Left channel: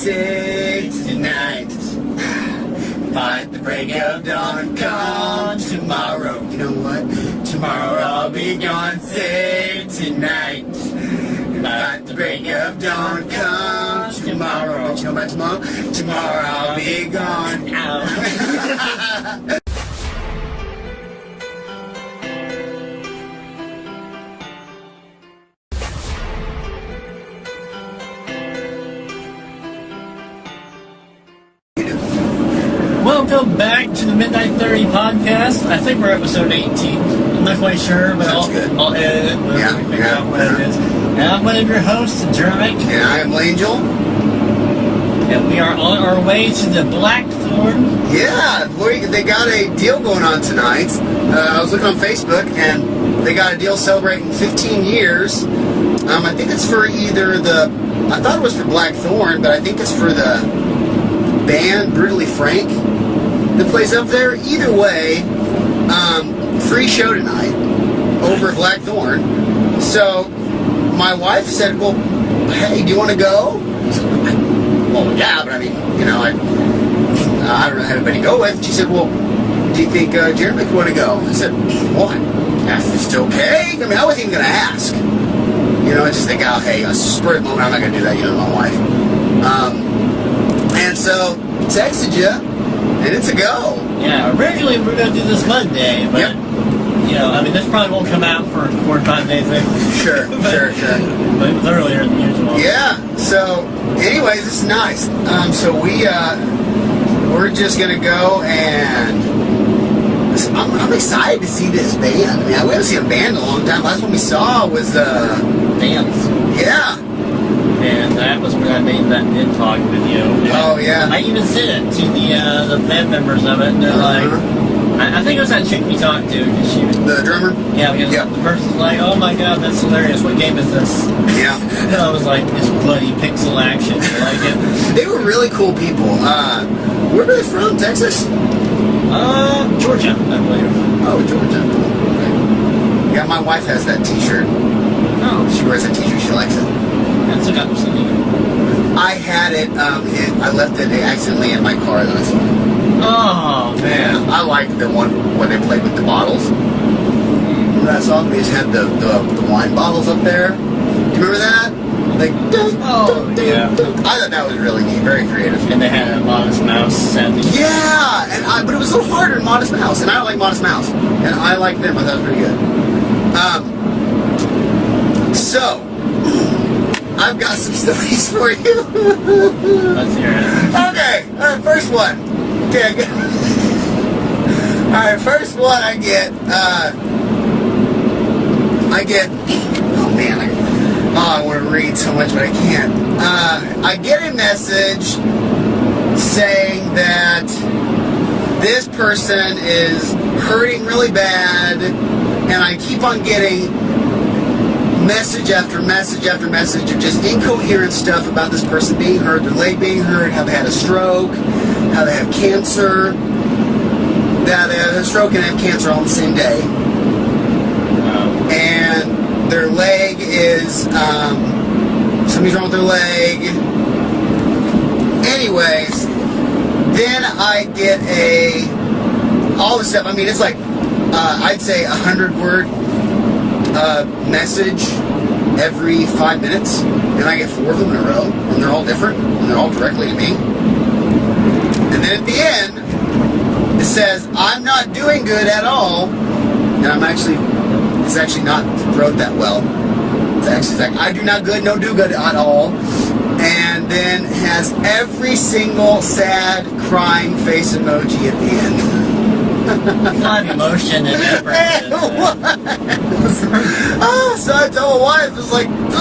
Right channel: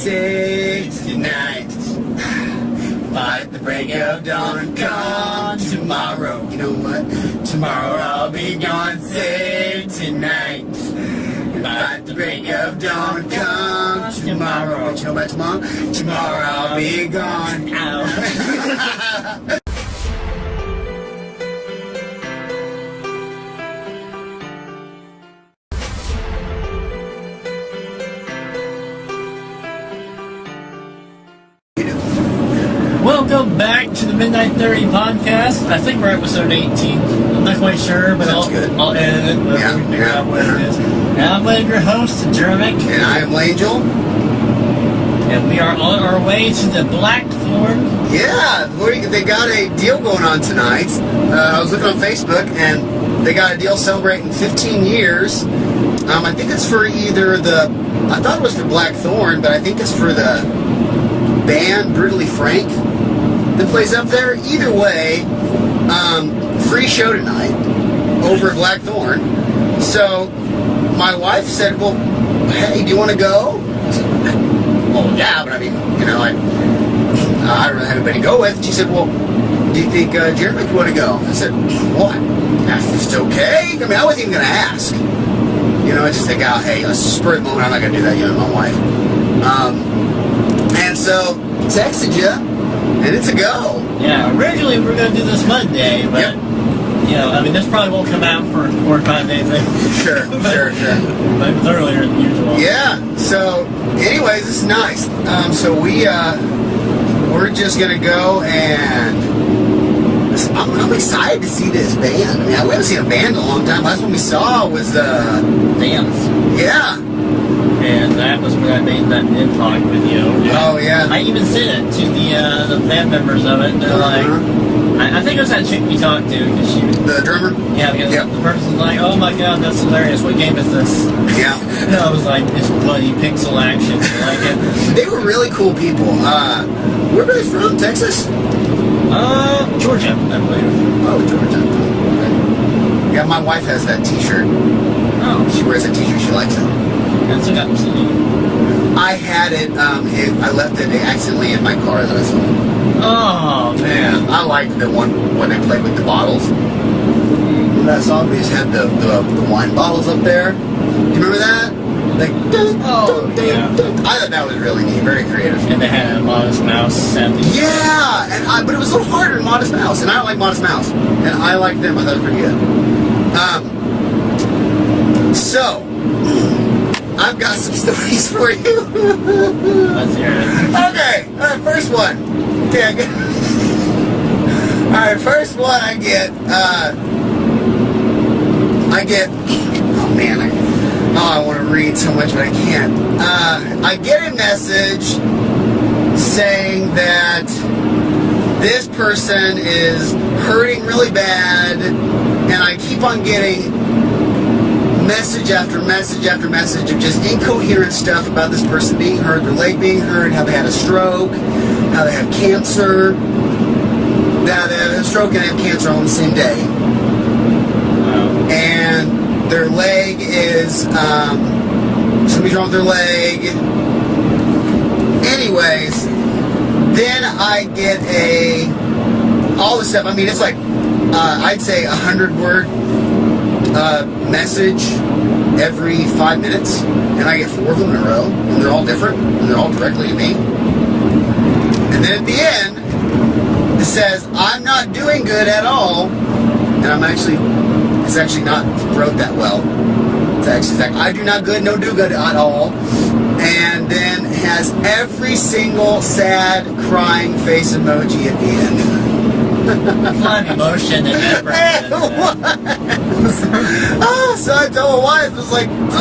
sick tonight. Fight the break of dawn, come tomorrow. You know what? Tomorrow I'll be gone, save tonight. Fight the break of dawn, come tomorrow. But you know about tomorrow? Tomorrow I'll be gone. Ow. Welcome back to the Midnight 30 podcast. I think we're episode 18. I'm not quite sure, but I'll edit it. Yeah, figure out what it is. And I'm one of your hosts, Jeremic. And I am Langel. And we are on our way to the Blackthorn. Yeah, they got a deal going on tonight. I was looking on Facebook, and they got a deal celebrating 15 years. I think it's for either I thought it was for Blackthorn, but I think it's for the band Brutally Frank that plays up there. Either way, free show tonight over at Blackthorn. So my wife said, well, hey, do you want to go? I said, well, yeah, but I mean, you know, I don't really have anybody to go with. She said, well, do you think Jeremy would want to go? I said, well, if it's okay. I mean, I wasn't even going to ask. You know, I just think, oh, hey, a spur of the moment, I'm not going to do that, you know, my wife. And so, texted you, and it's a go. Yeah, originally we were going to do this Monday, but, you know, I mean, this probably won't come out for 4 or 5 days later. Sure. But it was earlier than usual. Yeah, so, anyways, this is nice. So we're just going to go, and I'm excited to see this band. I mean, we haven't seen a band in a long time. Last one we saw was Dance. Yeah. And that was when I made that in-talk video. Oh, yeah. I even sent it to the band members of it, and they're like, I think it was that chick we talked to, because she was... The drummer? Yeah, because the person's like, oh my god, that's hilarious, what game is this? Yeah. And I was like, it's bloody pixel action, I like it. They were really cool people. Where were they from? Texas? Georgia, I believe. Oh, Georgia. Okay. Yeah, my wife has that t-shirt. Oh. She wears that t-shirt, she likes it. That's a good CD. I had it, I left it accidentally in my car that I saw. Oh, man. I liked the one when they played with the bottles. Remember that song? They just had the wine bottles up there. Do you remember that? Like, yeah. I thought that was really neat, very creative. And they had a Modest Mouse sounding. Yeah, but it was a little harder than Modest Mouse, and I don't like Modest Mouse. And I liked them, I thought it was pretty good. So, I've got some stories for you. Let's hear it. Okay, alright, first one. Okay, alright, first one I get, oh man, I want to read so much, but I can't. I get a message saying that this person is hurting really bad, and I keep on getting message after message after message of just incoherent stuff about this person being hurt, their leg being hurt, how they had a stroke, how they have cancer, that they have a stroke and have cancer all on the same day. And their leg is, somebody's wrong with their leg. Anyways, then I get all this stuff. I mean, it's like, I'd say 100-word message every 5 minutes, and I get 4 of them in a row, and they're all different, and they're all directly to me. And then at the end, it says, I'm not doing good at all, and it's actually not wrote that well. It's actually like, I do not good, no do good at all, and then has every single sad, crying face emoji at the end. Not emotion and ever. So I told my wife, I was like, look,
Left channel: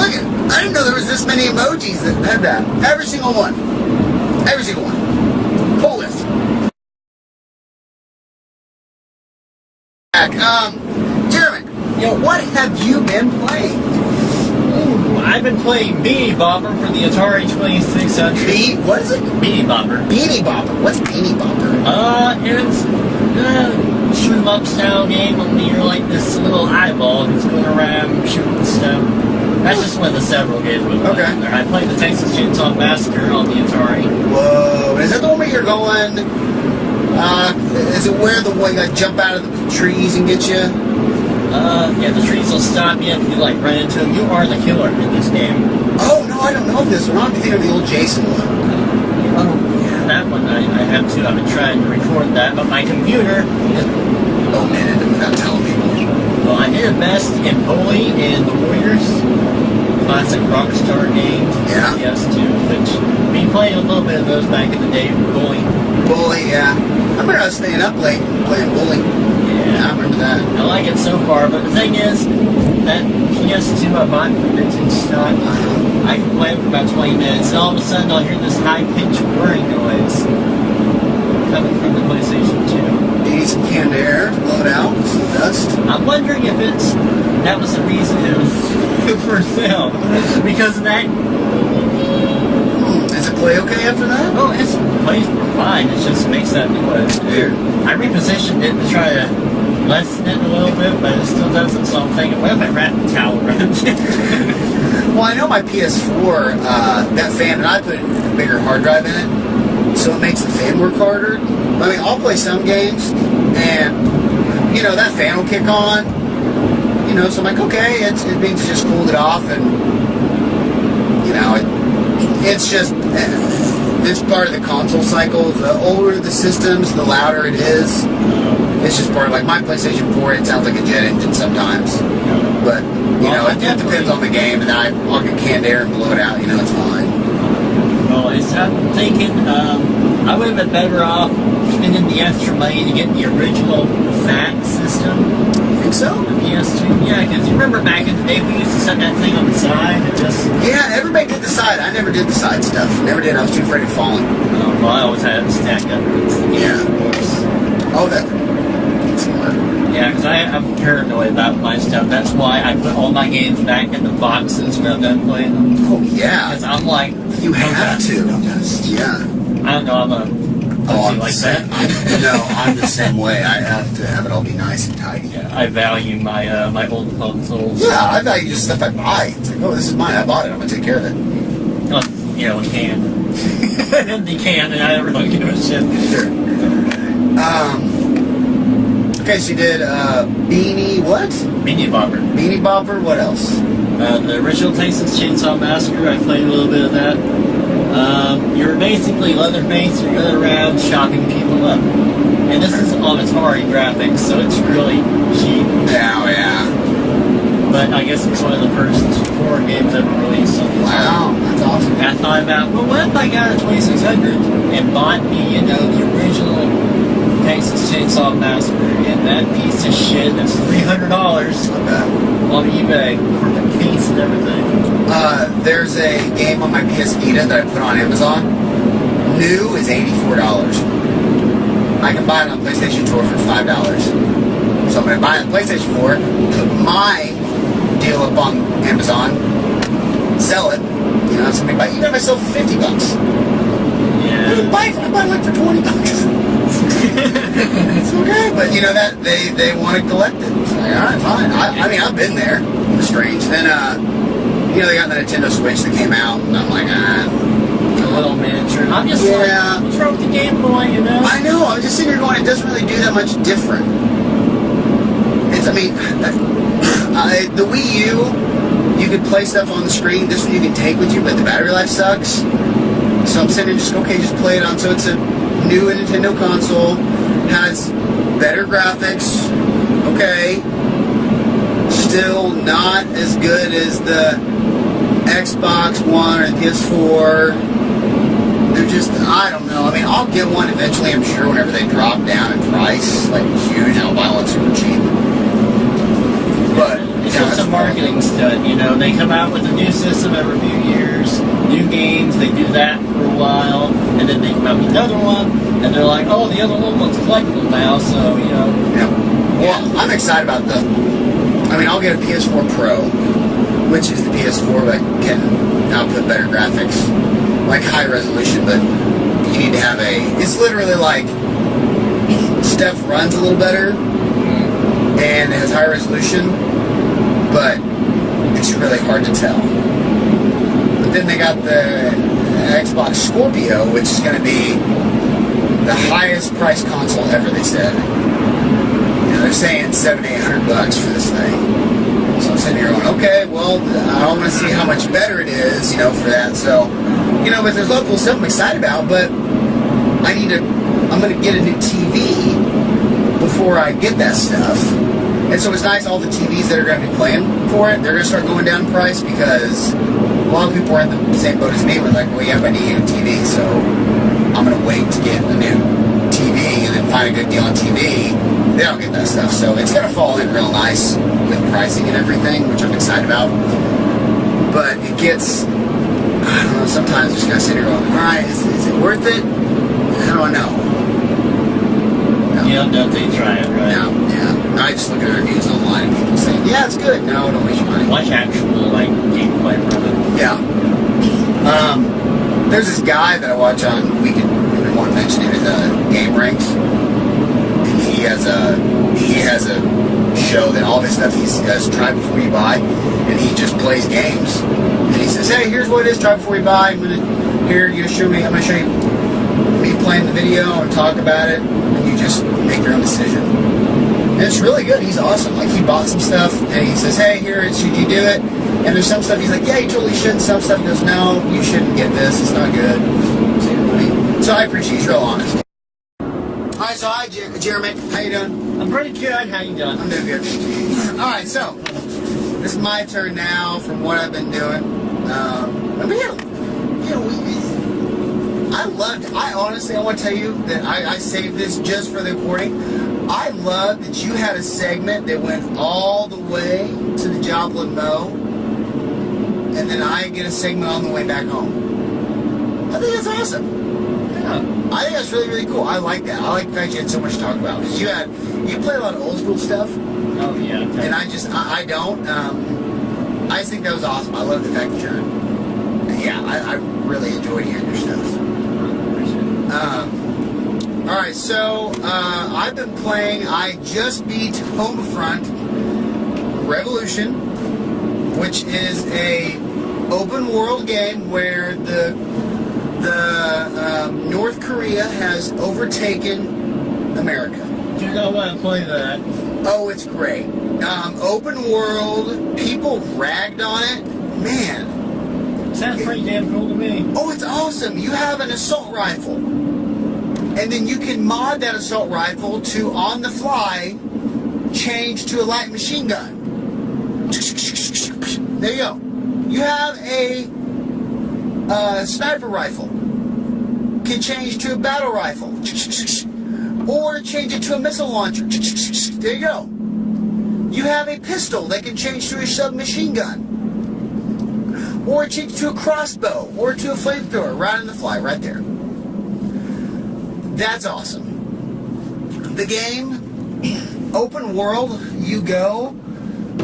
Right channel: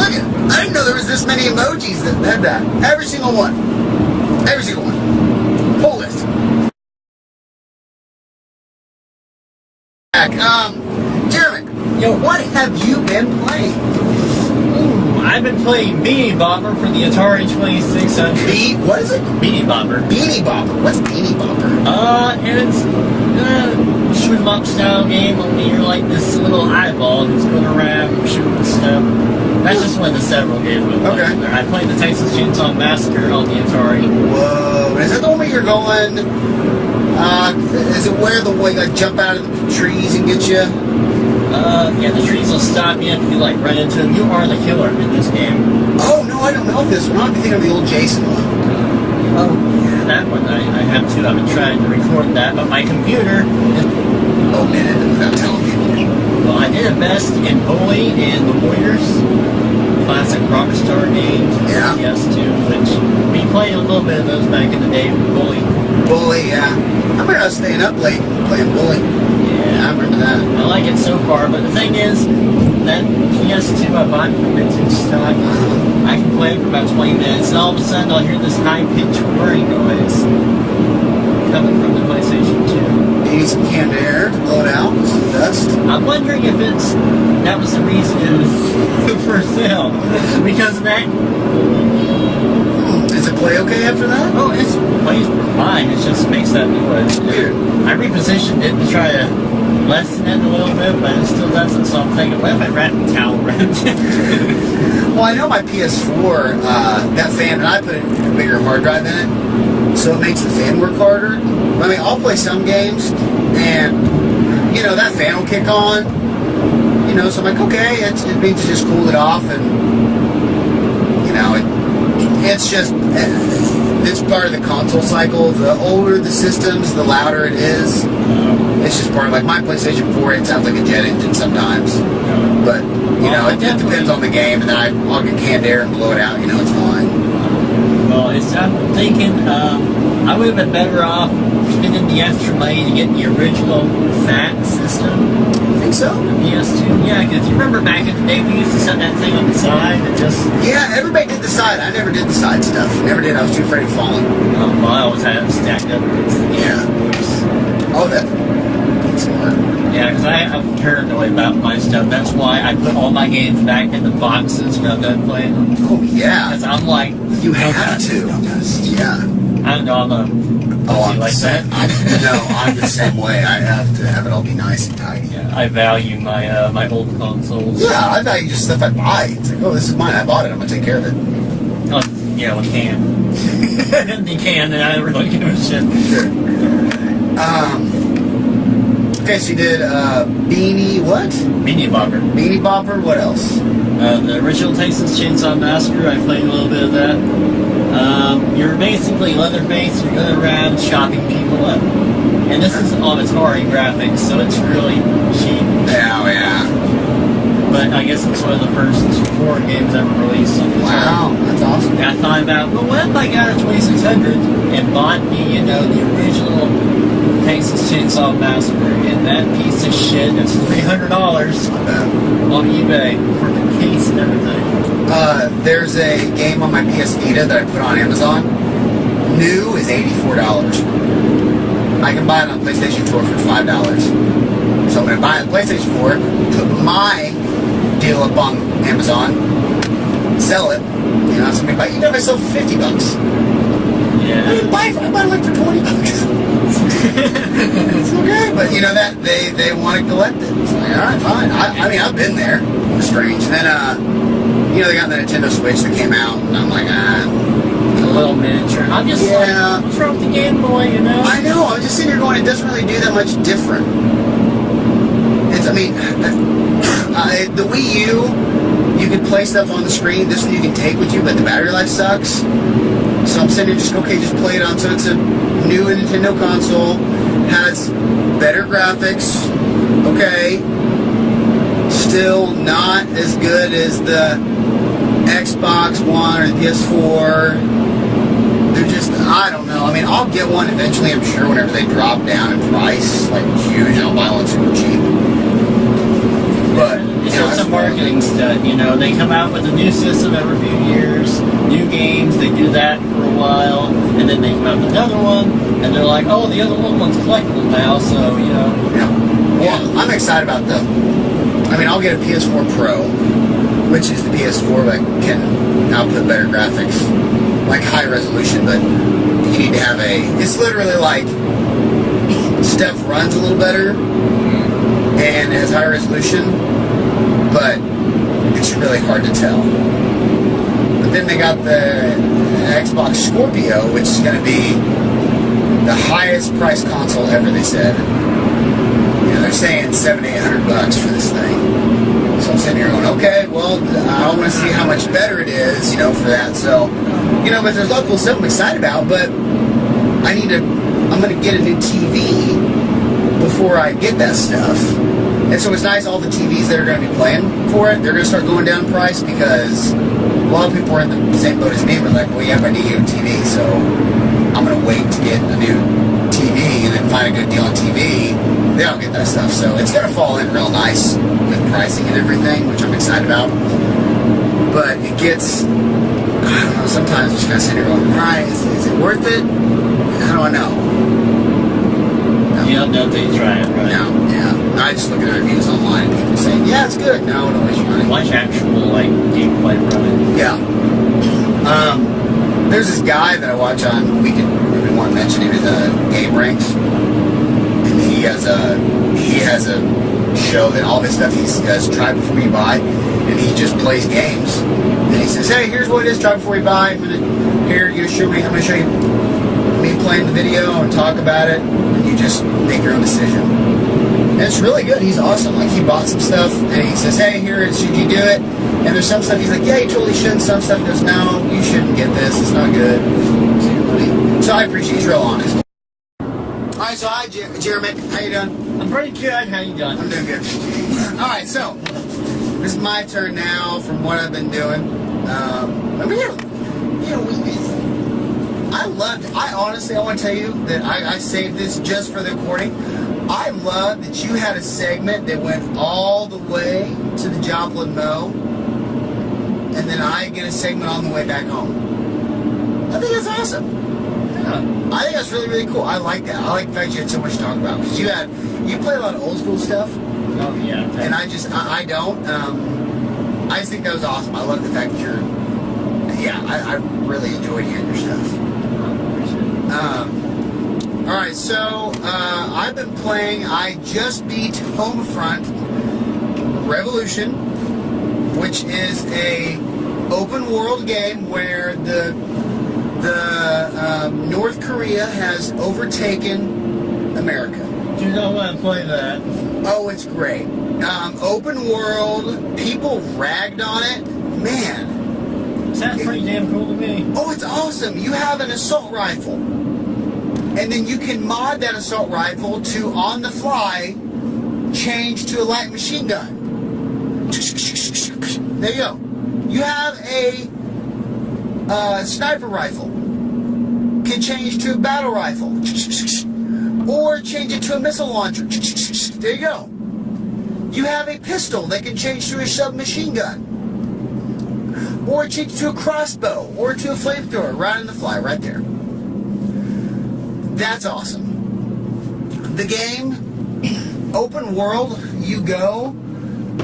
I didn't know there was this many emojis that had that. Every single one. Every single one. Whole list. Jeremy, what have you been playing? I've been playing Beany Bopper for the Atari 2600. What is it? Beany Bopper. Beany Bopper. What's Beany Bopper? It's shoot 'em up style game. Only you're like this little eyeball who's going around shooting stuff. That's just one of the several games we played in there. I played the Texas Chainsaw Massacre on the Atari. Whoa. Is that the one where you're going... is it where the way you like jump out of the trees and get you? Yeah, the trees will stop you if you like run into them. You are the killer in this game. Oh, no, I don't know this one. I'm thinking of the old Jason one. Oh, yeah, that one I have too. I've been trying to record that, but my computer... omitted it without telling people. Well, I did a best in Bully and the Warriors. Classic Rockstar games. Yeah. PS2, which we played a little bit of those back in the day with Bully. Bully, yeah. I remember us staying up late and playing Bully. Yeah. I remember that. I like it so far, but the thing is, that PS2 I bought from vintage stock, I can play it for about 20 minutes, and all of a sudden I'll hear this high-pitched whirring noise coming from the PlayStation 2. You need some canned air to blow it out with some dust. I'm wondering if that was the reason it was for sale, because of that. Does it play okay after that? Oh, it plays fine. It just makes that noise. Weird. I repositioned it to try to lessen it a little bit, but it still doesn't. So I'm thinking, what if I wrap the towel around it? Well, I know my PS4, that fan, and I put a bigger hard drive in it, so it makes the fan work harder. I mean, I'll play some games, and, you know, that fan will kick on. You know, so I'm like, okay, it means it just cooled it off, and, you know, it's just, it's part of the console cycle. The older the systems, the louder it is. It's just part of, like, my PlayStation 4, it sounds like a jet engine sometimes. But, you know, it depends on the game, and then I'll get canned air and blow it out, you know, it's fine. Well, I'm thinking I would have been better off spending the extra money to get the original FAT system. You think so? The PS2, yeah, because you remember back in the day we used to set that thing on the side and just... Yeah, everybody did the side. I never did the side stuff. Never did. I was too afraid of falling. Well, I always had it stacked up against the game. Yeah. Oh, that's smart. Yeah, because I'm paranoid about my stuff. That's why I put all my games back in the boxes when I'm done playing them. Oh, yeah. Because I'm like... You have to. Yeah. I don't know, I'm a... I'm like that. No, I'm the same way. I have to have it all be nice and tidy. Yeah, I value my my old consoles. Yeah, I value just stuff I buy. It's like, oh, this is mine. I bought it. I'm going to take care of it. Well, you know, a can. An empty can, and I don't really give a shit. Sure. Okay, so you did Beany what? Beany Bopper. Beany Bopper. What else? The original Texas Chainsaw Massacre. I played a little bit of that. You're basically Leatherface. You're going around chopping people up, and this is on Atari graphics, so it's really cheap. Yeah, yeah. But I guess it's one of the first horror games ever released on Atari. Wow, that's awesome. And I thought about, well, what if I got a 2600 and bought me, you know, the original Texas Chainsaw Massacre, and that piece of shit is $300 on eBay for the case and everything. There's a game on my PS Vita that I put on Amazon. New is $84. I can buy it on PlayStation 4 for $5. So I'm going to buy it on PlayStation 4, put my deal up on Amazon, sell it. You know, somebody buy it. Even if I sell it for $50. Yeah. I bought it like for $20. It's okay, but you know that they want to collect it. It's like, all right, fine. I mean, I've been there. It was strange. Then, you know, they got the Nintendo Switch that came out, and I'm like, a little miniature. I'm just like, what's wrong with the Game Boy, you know? I know. I was just sitting here going, it doesn't really do that much different. It's, I mean, the Wii U, you could play stuff on the screen. This one you can take with you, but the battery life sucks. So I'm sitting here just, okay, just play it on. So it's a new Nintendo console, has better graphics, okay. Still not as good as the Xbox One or the PS4. They're just, I don't know. I mean, I'll get one eventually, I'm sure, whenever they drop down in price, like huge, and I'll buy one super cheap. But it's just a marketing stunt, you know. They come out with a new system every few years, new games, they do that for a while, and then they come out with another one, and they're like, oh, the other one's collectible now, so, you know. Yeah. Well, I'm excited about I mean, I'll get a PS4 Pro, which is the PS4 that can output better graphics, like high resolution, but you need to have it's literally like, stuff runs a little better, and it has high resolution, but it's really hard to tell. But then they got the Xbox Scorpio, which is going to be the highest priced console ever, they said. You know, they're saying $700-800 for this thing. So I'm sitting here going, okay, well, I don't want to see how much better it is, you know, for that. So, you know, but there's a lot of cool stuff I'm excited about, but I'm going to get a new TV before I get that stuff. And so it's nice, all the TVs that are going to be playing for it, they're going to start going down in price because a lot of people are in the same boat as me. We're like, well, yeah, but I need a new TV, so I'm going to wait to get a new TV and then find a good deal on TV. They don't get that stuff, so it's going to fall in real nice with pricing and everything, which I'm excited about. But it gets, I don't know, sometimes just going to sit here going, all right, is it worth it? I don't know. No. You don't know until you try it, right? No, yeah. I just look at reviews online and people saying, yeah, it's good. No, don't waste your money. Watch actual, like, gameplay from it. Yeah. There's this guy that I watch on, we want to mention him, he's a Game Rank. And he has a show that all of his stuff he does try before you buy. And he just plays games. And he says, hey, here's what it is, try before you buy. I'm going to show you me playing the video and talk about it. And you just make your own decision. And it's really good. He's awesome. Like, he bought some stuff, and he says, hey, here, should you do it? And there's some stuff he's like, yeah, you totally shouldn't. Some stuff he goes, no, you shouldn't get this. It's not good. Save your money. So I appreciate he's real honest. All right, so hi, Jeremy. How you doing? I'm pretty good. How you doing? I'm doing good. All right, so this is my turn now from what I've been doing. I honestly, I want to tell you that I saved this just for the recording. I love that you had a segment that went all the way to the Joplin Mow, and then I get a segment on the way back home. I think that's awesome. Yeah. I think that's really, really cool. I like that. I like the fact you had so much to talk about, because you play a lot of old school stuff. Oh, yeah. Okay. And I don't. I just think that was awesome. I love the fact that I really enjoyed hearing your stuff. Alright, so I've been playing, I just beat Homefront Revolution, which is a open world game where the North Korea has overtaken America. Do you not want to play that? Oh, it's great. Open world, people ragged on it. Man. Sounds pretty damn cool to me. Oh, it's awesome. You have an assault rifle. And then you can mod that assault rifle to, on the fly, change to a light machine gun. There you go. You have a sniper rifle. Can change to a battle rifle. Or change it to a missile launcher. There you go. You have a pistol that can change to a submachine gun. Or change to a crossbow, or to a flamethrower, right on the fly, right there. That's awesome. The game, open world, you go,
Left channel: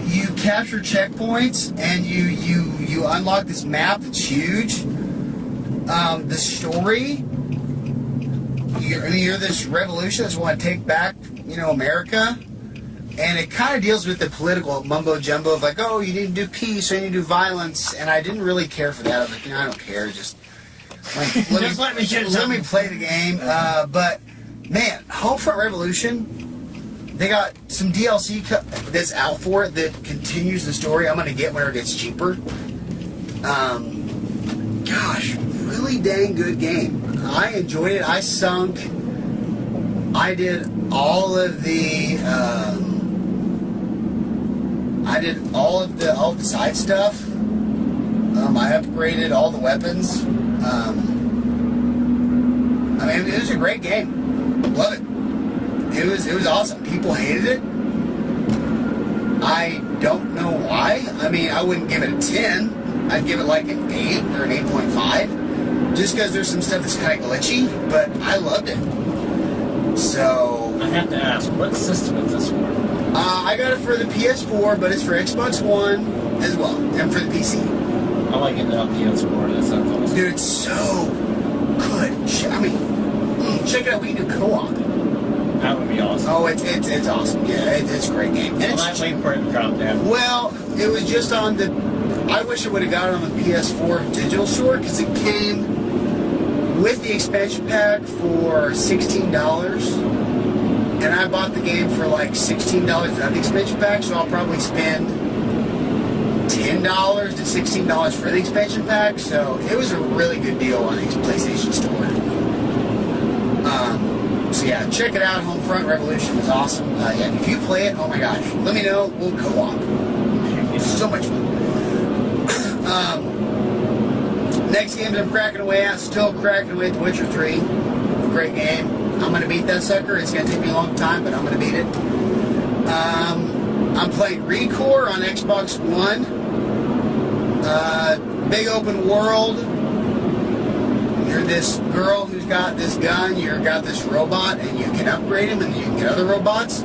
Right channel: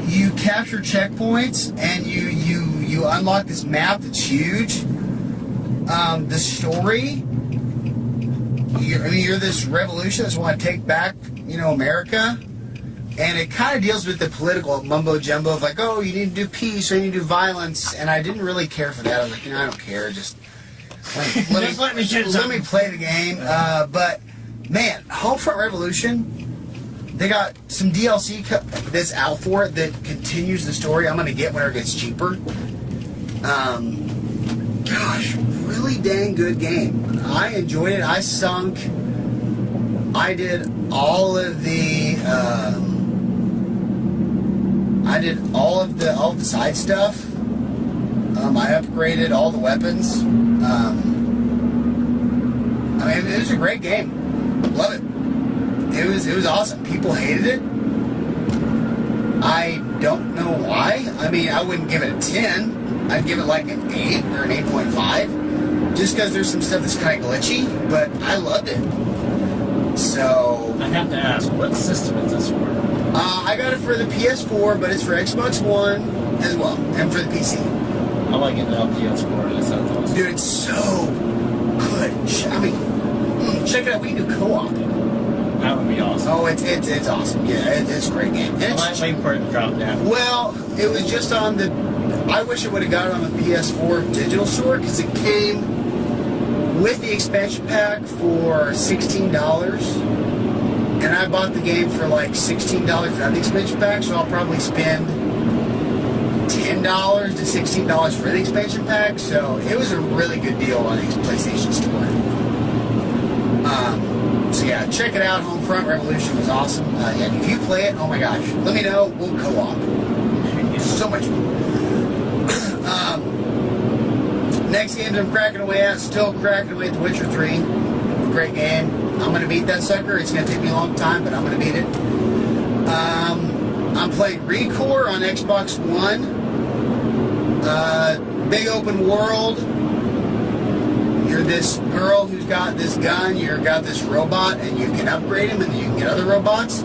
you capture checkpoints, and you unlock this map that's huge. The story, you're this revolution that's want to take back, America. And it kind of deals with the political mumbo jumbo of like, oh, you need to do peace or you need to do violence. And I didn't really care for that. I was like, I don't care. Just let me play the game. But man, Homefront Revolution, they got some DLC that's out for it that continues the story. I'm gonna get whenever it gets cheaper. Gosh, really dang good game. I enjoyed it. I did all of the. all the side stuff. I upgraded all the weapons. It was a great game. Love it. It was awesome. People hated it. I don't know why. I wouldn't give it a 10. I'd give it like an 8 or an 8.5. Just because there's some stuff that's kind of glitchy, but I loved it. So I have to ask, what system is this for? I got it for the PS4, but it's for Xbox One as well, and for the PC. I like it now, PS4. That sounds awesome. Dude, it's so good. Check it out. We can do co-op. That would be awesome. Oh, it's awesome. Yeah, it's a great game. And I'm not waiting for it to drop down. Well, it was just on the. I wish I would have got it on the PS4 digital store because it came with the expansion pack for $16, and I bought the game for like $16 without the expansion pack. So I'll probably spend $10 to $16 for the expansion pack. So it was a really good deal on the PlayStation Store. So yeah, check it out. Homefront Revolution was awesome. Yeah, if you play it, oh my gosh, let me know. We'll co-op. It's so much fun. Next game that I'm cracking away at, still cracking away at The Witcher 3. Great game. I'm going to beat that sucker. It's going to take me a long time, but I'm going to beat it. I'm playing Recore on Xbox One. Big open world. You're this girl who's got this gun, you've got this robot, and you can upgrade him and you can get other robots.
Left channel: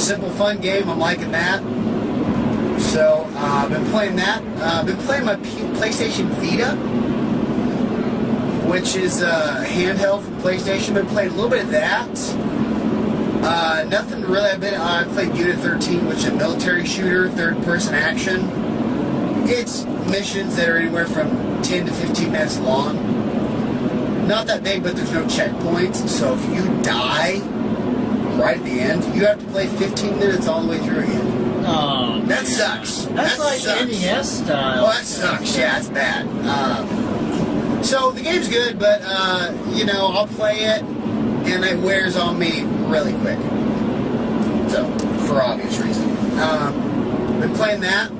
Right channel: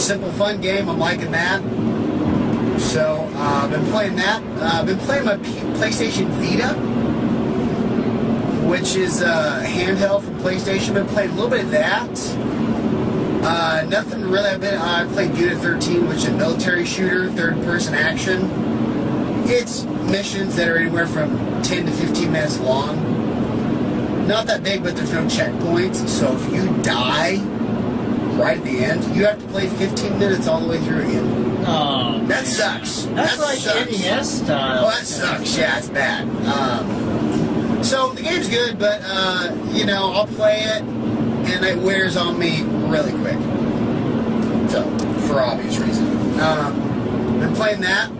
Simple, fun game. I'm liking that. So, I've been playing that. I've been playing my PlayStation Vita, which is handheld from PlayStation. Been playing a little bit of that. Nothing really. I played Unit 13, which is a military shooter, third-person action. It's missions that are anywhere from 10 to 15 minutes long. Not that big, but there's no checkpoints. So if you die right at the end, you have to play 15 minutes all the way through again. Oh, that sucks. That's that like sucks. NES style. Oh, that sucks. Yeah, it's bad. So the game's good, but I'll play it, and it wears on me really quick. So, for obvious reason. Been playing that.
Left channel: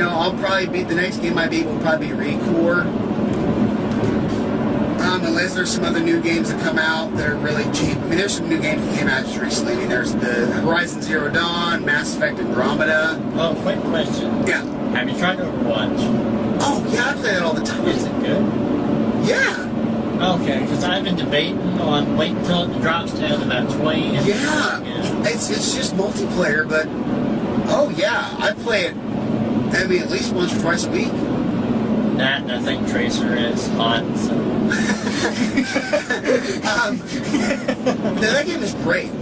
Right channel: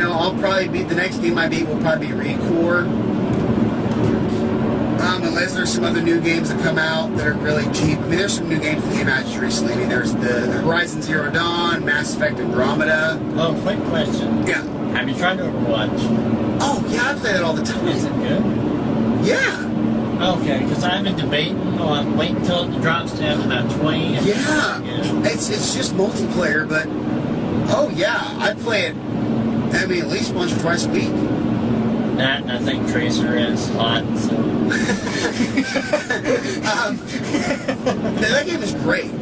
I'll probably beat the next game I beat will probably be Recore. Unless there's some other new games that come out that are really cheap. I mean, there's some new games that came out just recently. I mean, there's the Horizon Zero Dawn, Mass Effect Andromeda. Oh, quick question. Yeah. Have you tried Overwatch? Oh, yeah, I play that all the time. Is it good? Yeah. Okay, because I've been debating on waiting until it drops down to about 20. Yeah. It's just multiplayer, but oh yeah, I play it. I mean, at least once or twice a week. That, and I think Tracer is hot, so. That game is great. You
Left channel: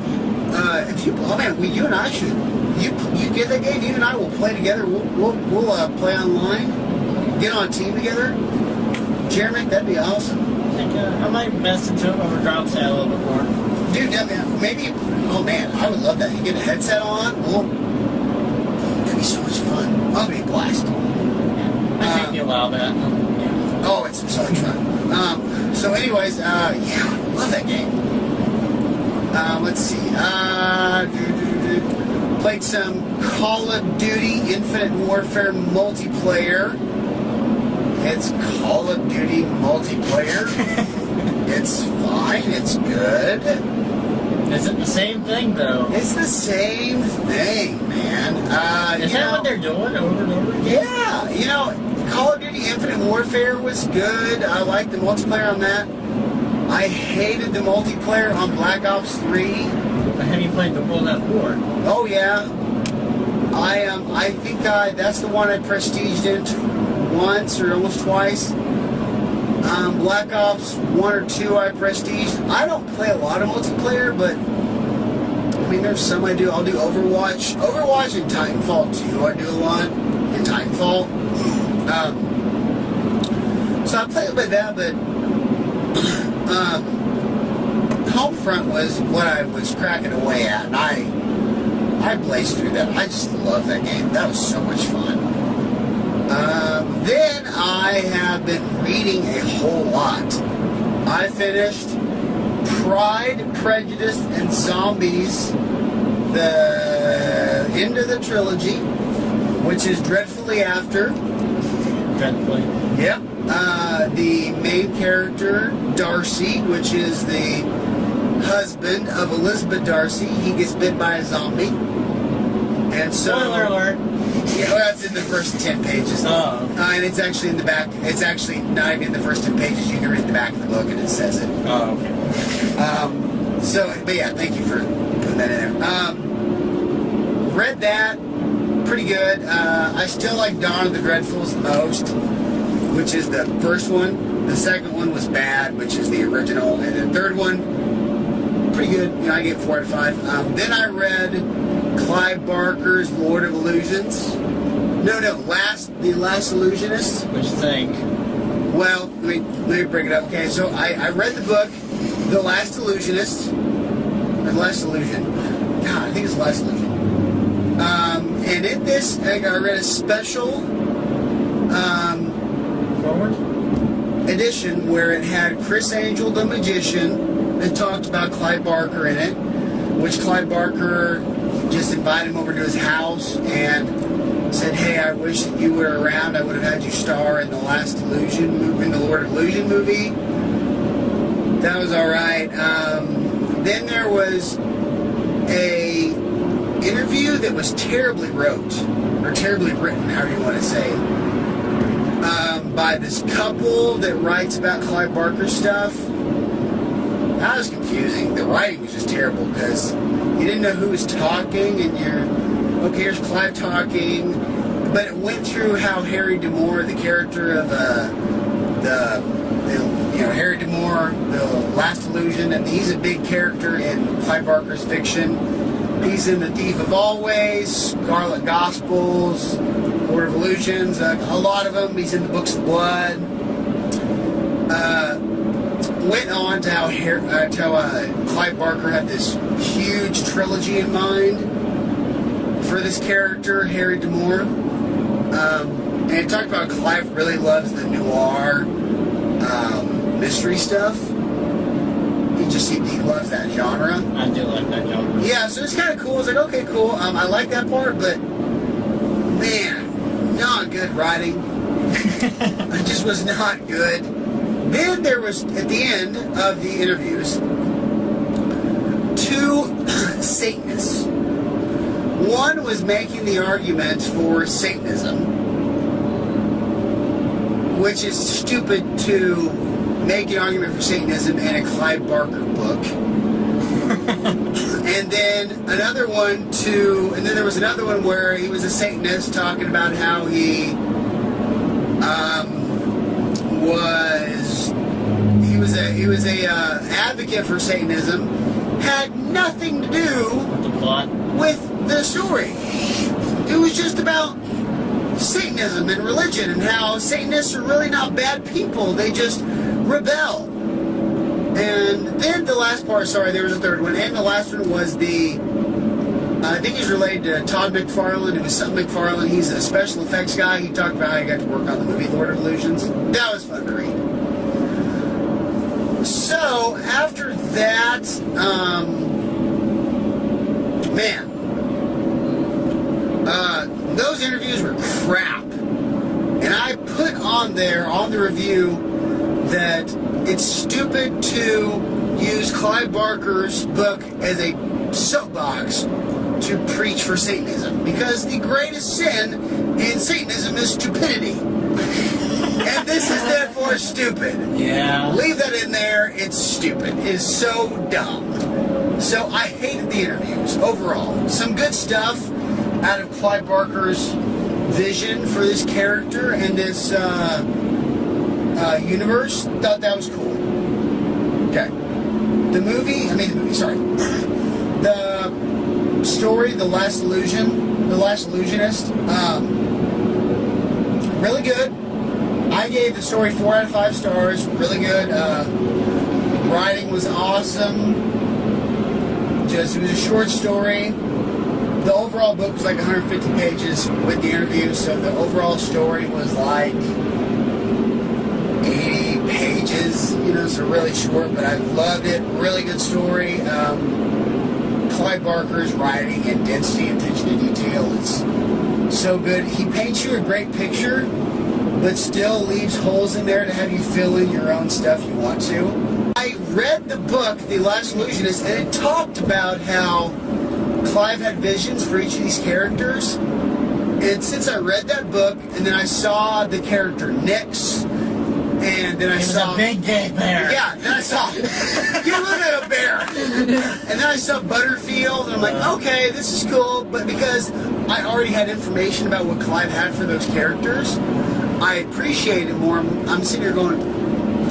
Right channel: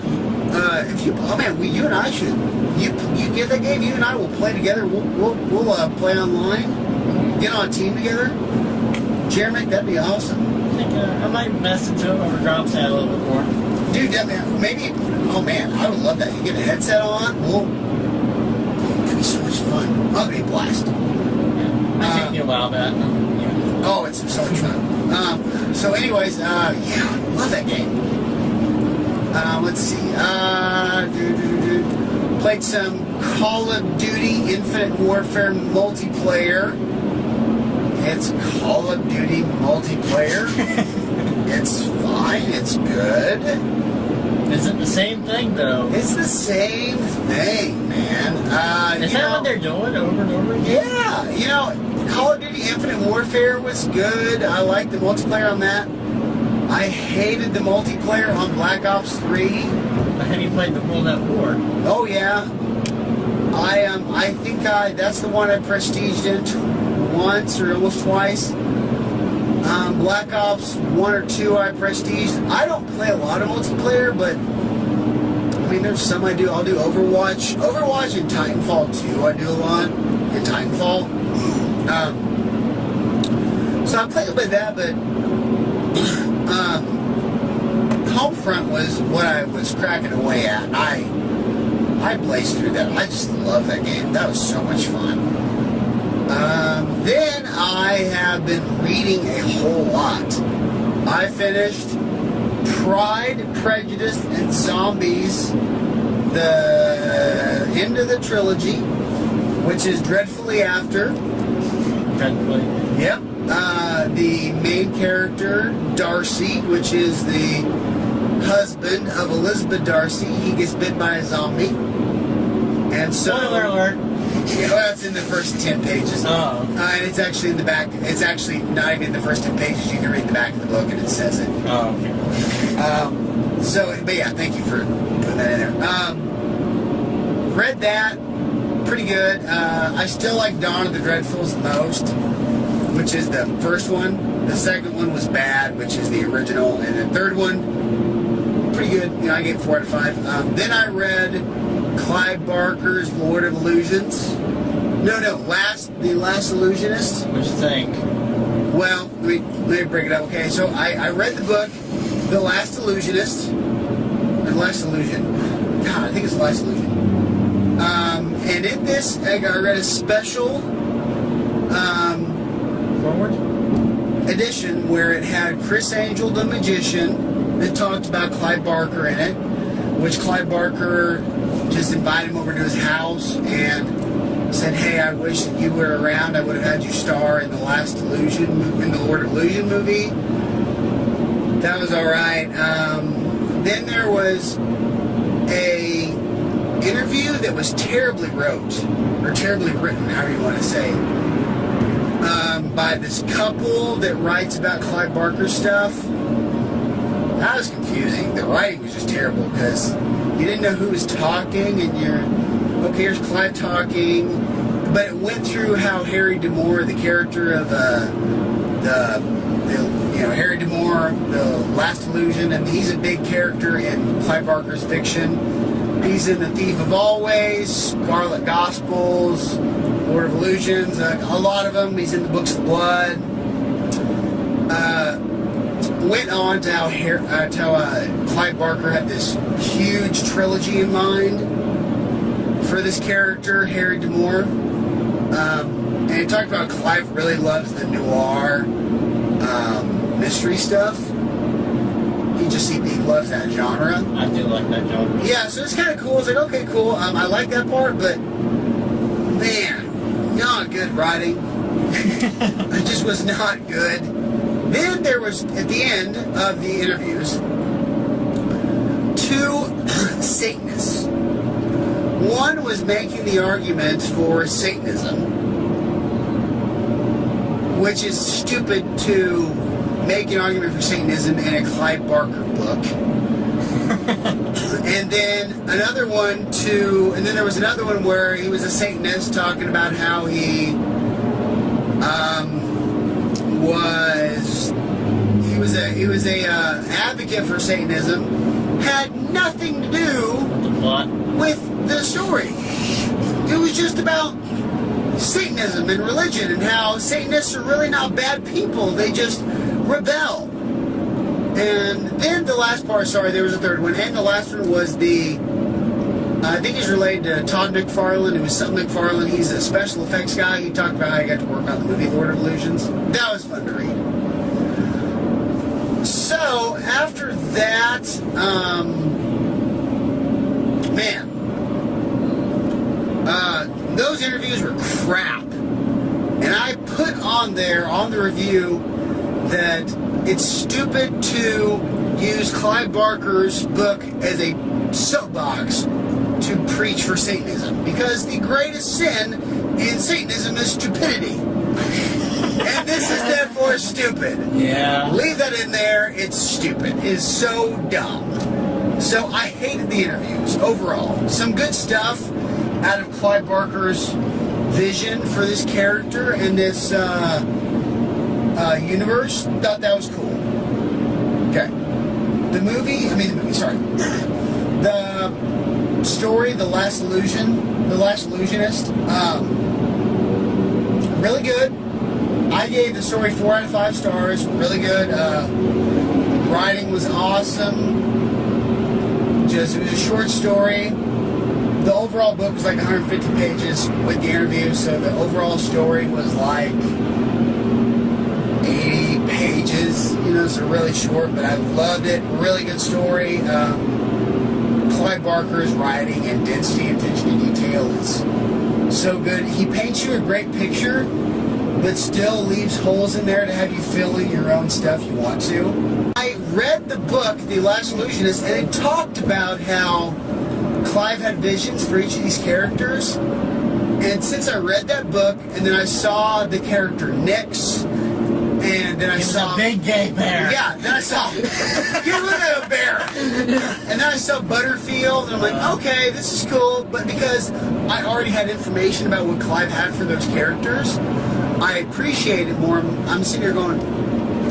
and I should. You get that game. You and I will play together. We'll play online. Get on a team together. Jeremy, that'd be awesome. I think I might mess into it when it drops out a little bit more. Dude, maybe. Oh man, I would love that. You get a headset on. It could be so much fun. That'll be a blast. I think you allow that. Yeah. Oh, it's so much fun. So anyways, yeah, love that game. Let's see. Played some Call of Duty Infinite Warfare multiplayer. It's Call of Duty multiplayer. It's fine. It's good. Is it the same thing, though? It's the same thing, man. Is that what they're doing over and over again? Yeah. Call of Duty Infinite Warfare was good. I liked the multiplayer on that. I hated the multiplayer on Black Ops 3. But have you played the World at War? Oh, yeah. I think that's the one I prestiged it once or almost twice. Black Ops 1 or 2 I prestiged. I don't play a lot of multiplayer, but I mean, there's some I do. I'll do Overwatch. Overwatch and Titanfall 2 I do a lot. And Titanfall. So I play a bit of that, but Homefront was what I was cracking away at. And I blazed through that. I just love that game. That was so much fun. Then I have been reading a whole lot. I finished Pride, Prejudice, and Zombies, the end of the trilogy, which is Dreadfully After. Dreadfully. Yep. The main character, Darcy, which is the husband of Elizabeth Darcy, he gets bit by a zombie. And so... Spoiler alert. Yeah, well, that's in the first 10 pages. Oh. And it's actually in the back. It's actually not even in the first 10 pages. You can read the back of the book and it says it. Oh, okay. But yeah, thank you for putting that in there. Read that. Pretty good. I still like Dawn of the Dreadfuls the most, which is the first one. The second one was bad, which is the original. And the third one, pretty good. I gave 4 out of 5. Then I read Clive Barker's Lord of Illusions. No, The Last Illusionist. What you think? Well, let me bring it up. Okay, so I read the book, The Last Illusionist. The Last Illusion. God, I think it's The Last Illusion. And in this, I read a special Forward? edition where it had Chris Angel, the magician, that talked about Clive Barker in it, which Clive Barker just invited him over to his house and said, "Hey, I wish that you were around. I would have had you star in the Last Illusion movie, in the Lord of Illusion movie." That was all right. Then there was a interview that was terribly terribly written, however you want to say, by this couple that writes about Clive Barker stuff. That was confusing. The writing was just terrible because you didn't know who was talking, and okay, here's Clive talking, but it went through how Harry D'Amour, the character of Harry D'Amour, the Last Illusion, and he's a big character in Clive Barker's fiction. He's in The Thief of Always, Scarlet Gospels, Lord of Illusions, a lot of them. He's in the Books of Blood. Went on to how Clive Barker had this huge trilogy in mind for this character, Harry D'Amour. And he talked about Clive really loves the noir mystery stuff. He loves that genre. I do like that genre. Yeah, so it's kind of cool. It's like, okay, cool. I like that part, but man, not good writing. It just was not good. Then there was, at the end of the interviews, two Satanists. One was making the argument for Satanism, which is stupid to make an argument for Satanism in a Clive Barker book. And then there was another one where he was a Satanist talking about how he was a advocate for Satanism, had nothing to do With the plot? with the story. It was just about Satanism and religion and how Satanists are really not bad people. They just rebel. And then the last part, there was a third one, and the last one was I think he's related to Todd McFarlane. It was something McFarlane. He's a special effects guy. He talked about how he got to work on the movie Lord of Illusions. That was fun to read. So, after that, those interviews were crap. And I put on there, on the review, that it's stupid to use Clive Barker's book as a soapbox to preach for Satanism, because the greatest sin in Satanism is stupidity. And this is therefore stupid. Yeah. Leave that in there. It's stupid. It is so dumb. So I hated the interviews overall. Some good stuff out of Clive Barker's vision for this character and this universe. Thought that was cool. Okay. The story, The Last Illusionist, really good. I gave the story 4 out of 5 stars. Really good. Writing was awesome. It was a short story. The overall book was like 150 pages with the interview, so the overall story was like 80 pages, so really short, but I loved it. Really good story. Clive Barker's writing and density and attention to detail is so good. He paints you a great picture, but still leaves holes in there to have you fill in your own stuff you want to. I read the book, The Last Illusionist, and it talked about how Clive had visions for each of these characters. And since I read that book, and then I saw the character Nyx, and then I saw a big gay bear. Yeah, then I saw you look like a bear. And then I saw Butterfield, and I'm like, okay, this is cool. But because I already had information about what Clive had for those characters, I appreciate it more. I'm sitting here going,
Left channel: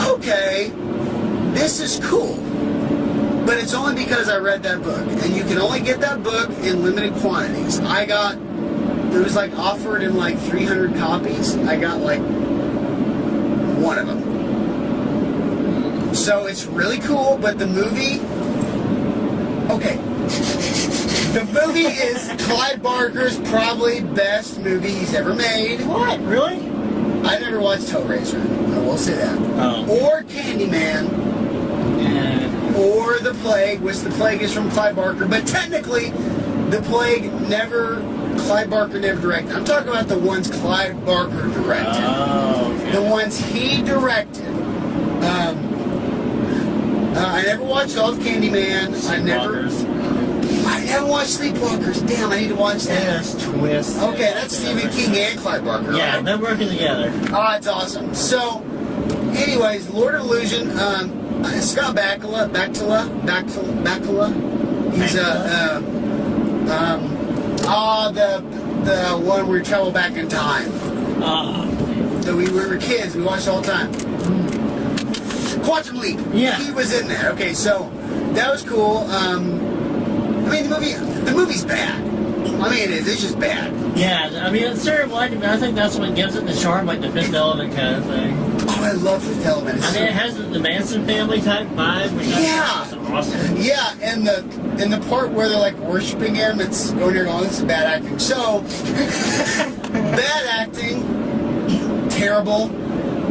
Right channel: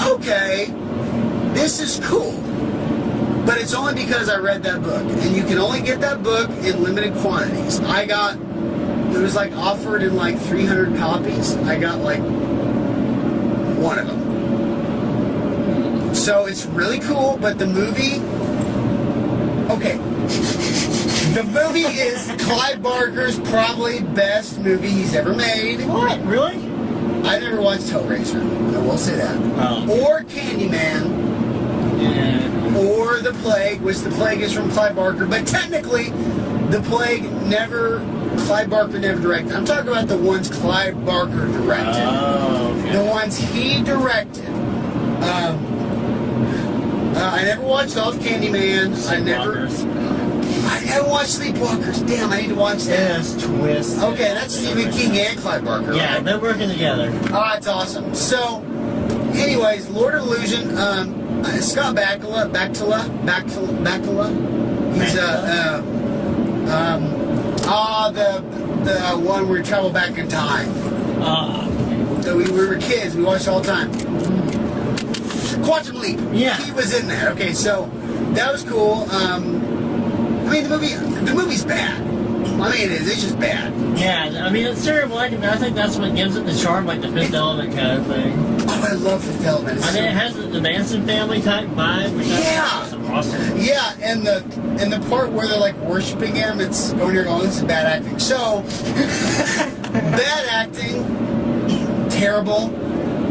okay, this is cool. But it's only because I read that book. And you can only get that book in limited quantities. It was like offered in like 300 copies. I got like one of them. So it's really cool, but the movie... Okay. The movie is Clive Barker's probably best movie he's ever made. What? Really? I never watched Hellraiser. I will say that. Oh. Or Candyman. Yeah. Or The Plague, which The Plague is from Clive Barker. But technically, The Plague Clive Barker never directed. I'm talking about the ones Clive Barker directed. Oh, okay. The ones he directed. I never watched all of Candyman. I never watched Sleepwalkers. Damn, I need to watch that. Yes, Twist. Okay, that's Stephen King and Clive Barker. Yeah, right? they're working together. Oh, it's awesome. So, anyways, Lord of Illusion, Scott Bakula. He's the one where we travel back in time. So we were kids, we watched it all the time. Quantum Leap. Yeah. He was in that. Okay, so that was cool. I mean, the movie's bad. I mean, it's just bad. Yeah, I mean, it's sort of like, I think that's what gives it the charm, like the Fifth Element kind of thing. Oh, I love Fifth Element. I mean, it has the Manson family type vibe, which Yeah. is awesome. Yeah, and the part where they're like worshiping him, it's going here going, this is bad acting. So, bad acting, terrible.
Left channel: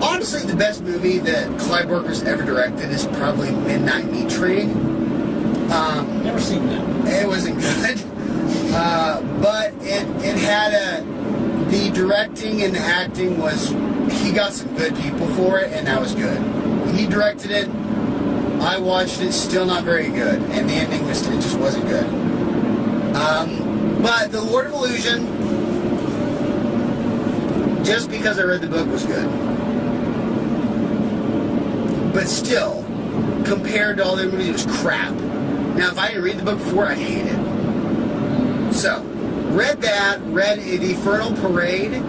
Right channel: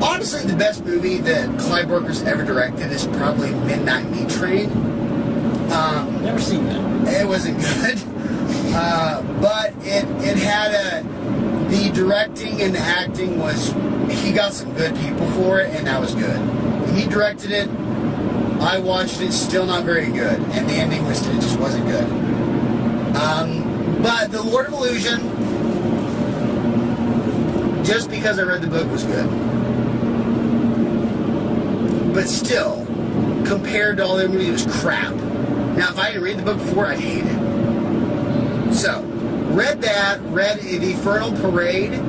Honestly, the best movie that Clive Barker's ever directed is probably Midnight Meat Train. Never seen that. It wasn't good, but it had the directing and the acting was, he got some good people for it, and that was good. When he directed it, I watched it, still not very good, and the ending it just wasn't good. But the Lord of Illusion, just because I read the book, was good. But still, compared to all the movies, it was crap. Now, if I didn't read the book before, I'd hate it. So, read The Infernal Parade,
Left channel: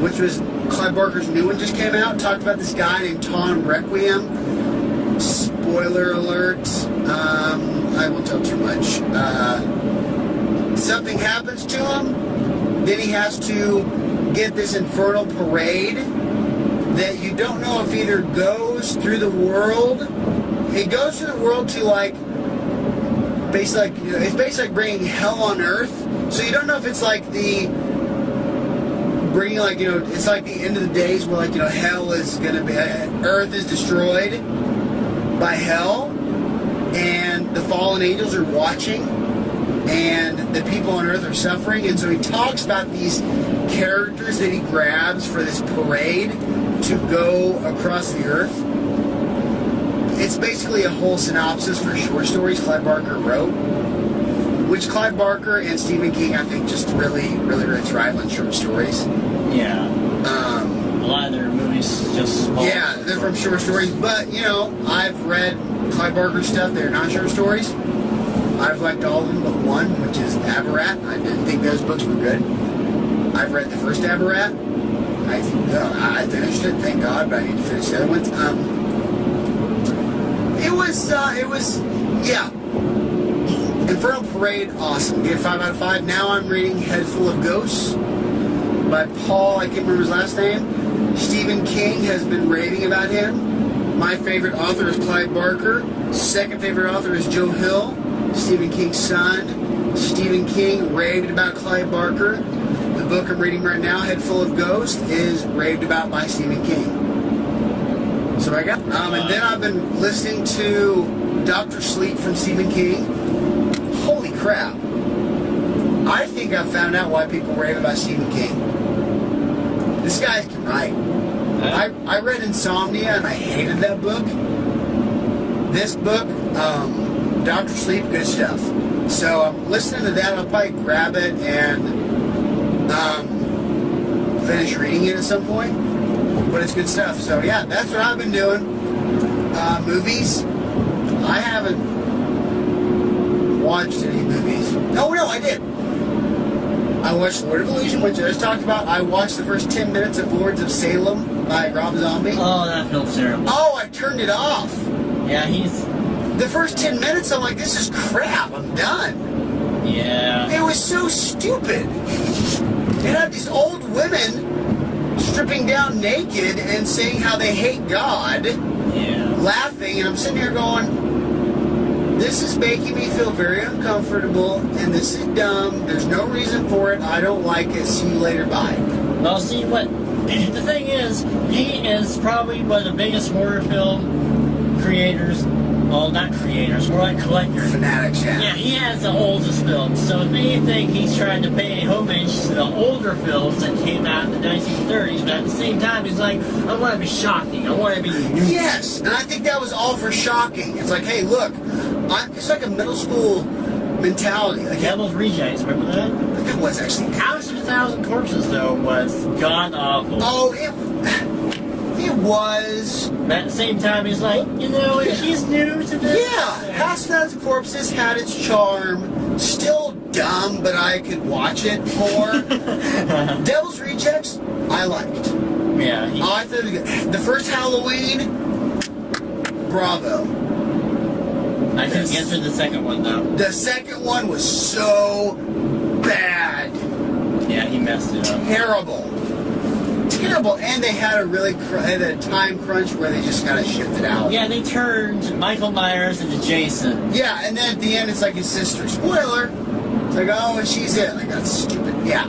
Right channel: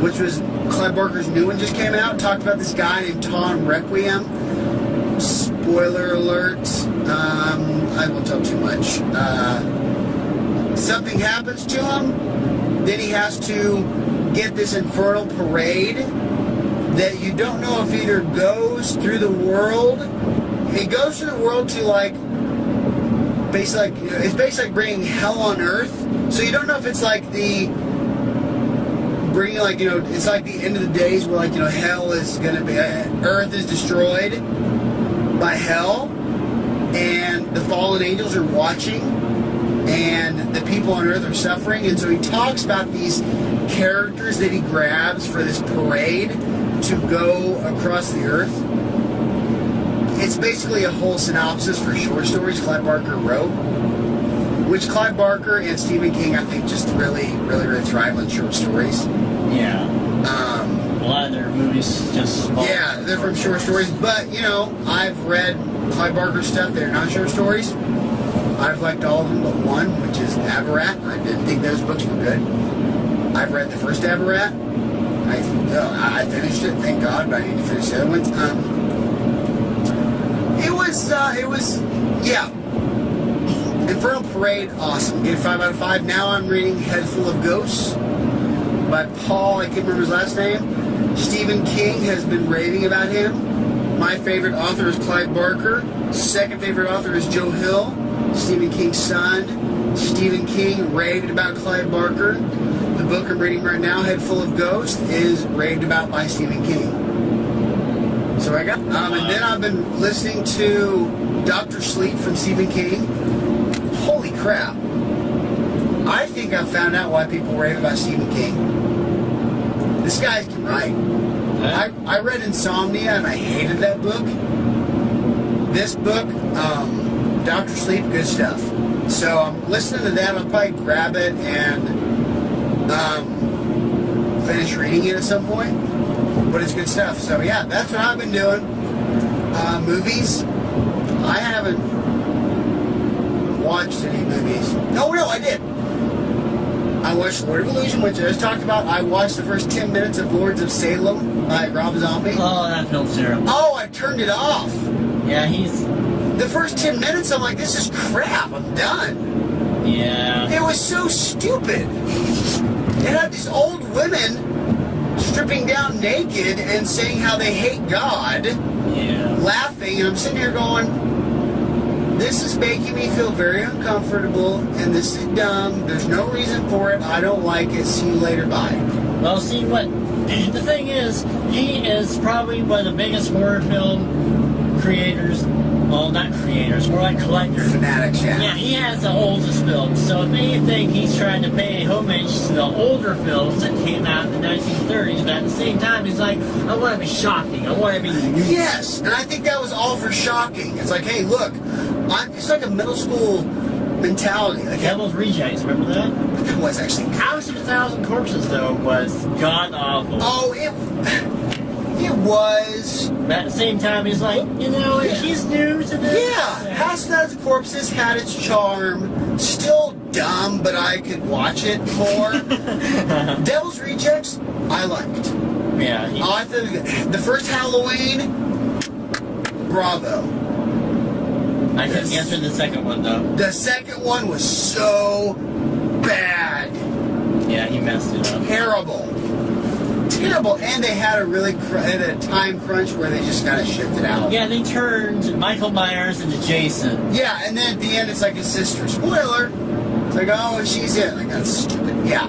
which was Clive Barker's new one, just came out. Talked about this guy named Tom Requiem. Spoiler alert. I won't tell too much. Something happens to him. Then he has to get this infernal parade that you don't know if either goes through the world. It goes through the world to like, basically, it's basically like bringing hell on earth. So you don't know if it's like bringing like, it's like the end of the days where like, hell is going to be, earth is destroyed by hell, and the fallen angels are watching, and the people on earth are suffering. And so he talks about these characters that he grabs for this parade to go across the earth. It's basically a whole synopsis for short stories Clive Barker wrote, which Clive Barker and Stephen King, I think, just really thrive on short stories. Yeah. A lot of their movies just... Yeah, they're from short stories, but, I've read Clive Barker stuff. They're not short stories. I've liked all of them but one, which is Aberrat. I didn't think those books were good. I've read the first Aberrat. I finished it, thank God, but I need to finish the other ones. Yeah. Infernal Parade, awesome. Gave 5 out of 5. Now I'm reading Head Full of Ghosts by Paul, I can't remember his last name. Stephen King has been raving about him. My favorite author is Clive Barker. Second favorite author is Joe Hill, Stephen King's son. Stephen King raved about Clive Barker. The book I'm reading right now, Head Full of Ghosts, is raved about by Stephen King. So I got, and then I've been listening to Dr. Sleep from Stephen King. Holy crap. I think I found out why people rave about Stephen King. This guy can write. I read Insomnia and I hated that book. This book, Dr. Sleep, good stuff. So I'm listening to that. I'll probably grab it and finish reading it at some point. But it's good stuff. So yeah, that's what I've been doing. Movies. I haven't watched any movies. Oh no, I did. I watched Lord of Illusion, which I just talked about. I watched the first 10 minutes of Lords of Salem by Rob Zombie. Oh, that film's terrible. Oh, I turned it off. Yeah, he's... the first 10 minutes, I'm like, this is crap. I'm done. Yeah. It was so stupid. It had these old women stripping down naked and saying how they hate God. Yeah. Laughing, and I'm sitting here going, this is making me feel very uncomfortable, and this is dumb. There's no reason for it. I don't like it. See you later. Bye. Well, see, what the thing is, he is probably one of the biggest horror film creators. Well, not creators, more like collectors. Fanatics, yeah. Yeah, he has the oldest films. So if anything, he's trying to pay homage to the older films that came out in the 1930s. But at the same time, he's like, I want to be shocking. I want to be new. Yes, and I think that was all for shocking. It's like, hey, look, it's like a middle school mentality. Like, Devil's Rejects, remember that? it was actually. House of a Thousand Corpses, though, was god-awful. Oh, it was. But at the same time, he's like, you know, if he's new to this. Yeah, House of Thousand Corpses had its charm. Still dumb, but I could watch it more. Devil's Rejects, I liked. Yeah. I thought the first Halloween, bravo. I couldn't get through the second one, though. The second one was so bad. Yeah, he messed it up. Terrible. And they had a time crunch where they just kind of shifted out. Yeah, they turned Michael Myers into Jason. Yeah, and then at the end it's like his sister. Spoiler. It's like, oh, she's it. Like, that's stupid. Yeah,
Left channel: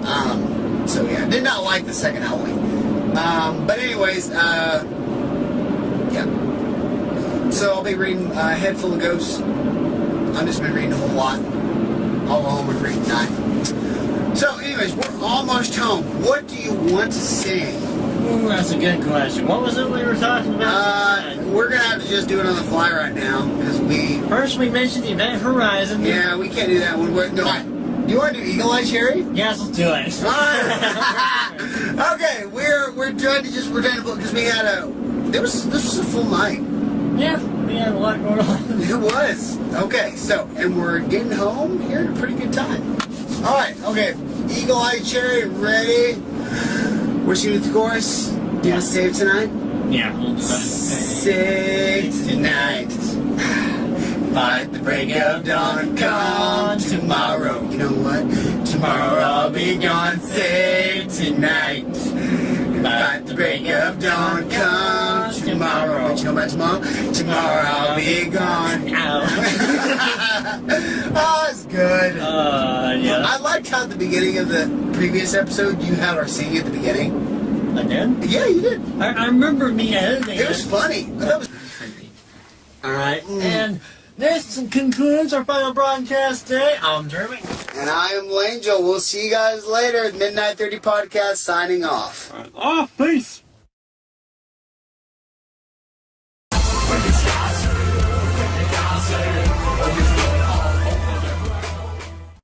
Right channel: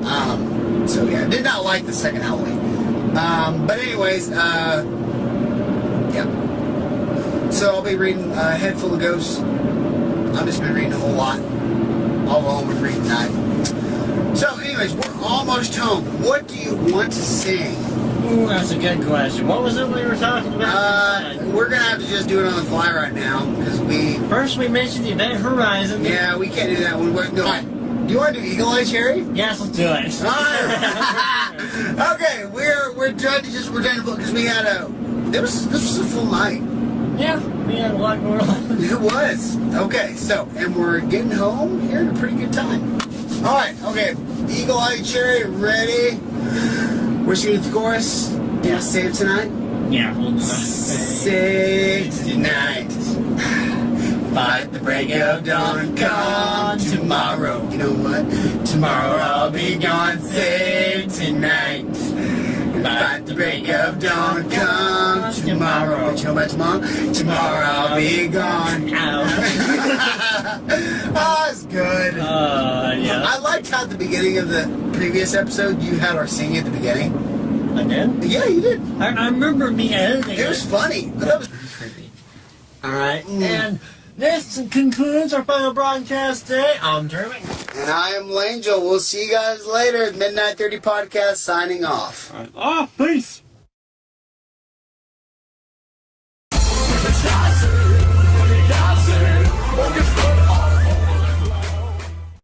so yeah, I did not like the second Halloween. But anyways, yeah. So I'll be reading Head Full of Ghosts. I've just been reading a whole lot. All home and reading tonight. So anyways, we're almost home. What do you want to sing? Ooh, that's a good question. What was it we were talking about? We're going to have to just do it on the fly right now. Because First we mentioned the Event Horizon. Yeah, we can't do that one. No, do you want to do Eagle Eye Cherry? Yes, let's do it. Alright. Okay, we're trying to because this was a full night. Yeah, we had a lot going on. It was. Okay, and we're getting home here at a pretty good time. Alright, okay. Eagle Eye Cherry, ready? Wishing you the chorus. Do you save tonight? Yeah, we'll do that. Save tonight. Fight the break of dawn, come tomorrow. You know what? Tomorrow I'll be gone. Save tonight. Fight the break of dawn, come tomorrow. But you know about tomorrow? Tomorrow I'll be gone. Oh, it's good. Yeah. I liked how at the beginning of the previous episode you had our singing at the beginning. I did? Yeah, you did. I remember me editing it. It was funny. I thought it was creepy. Alright, and this concludes our final broadcast today. I'm Jeremy. And I am Langel. We'll see you guys later. Midnight 30 Podcast signing off. Peace.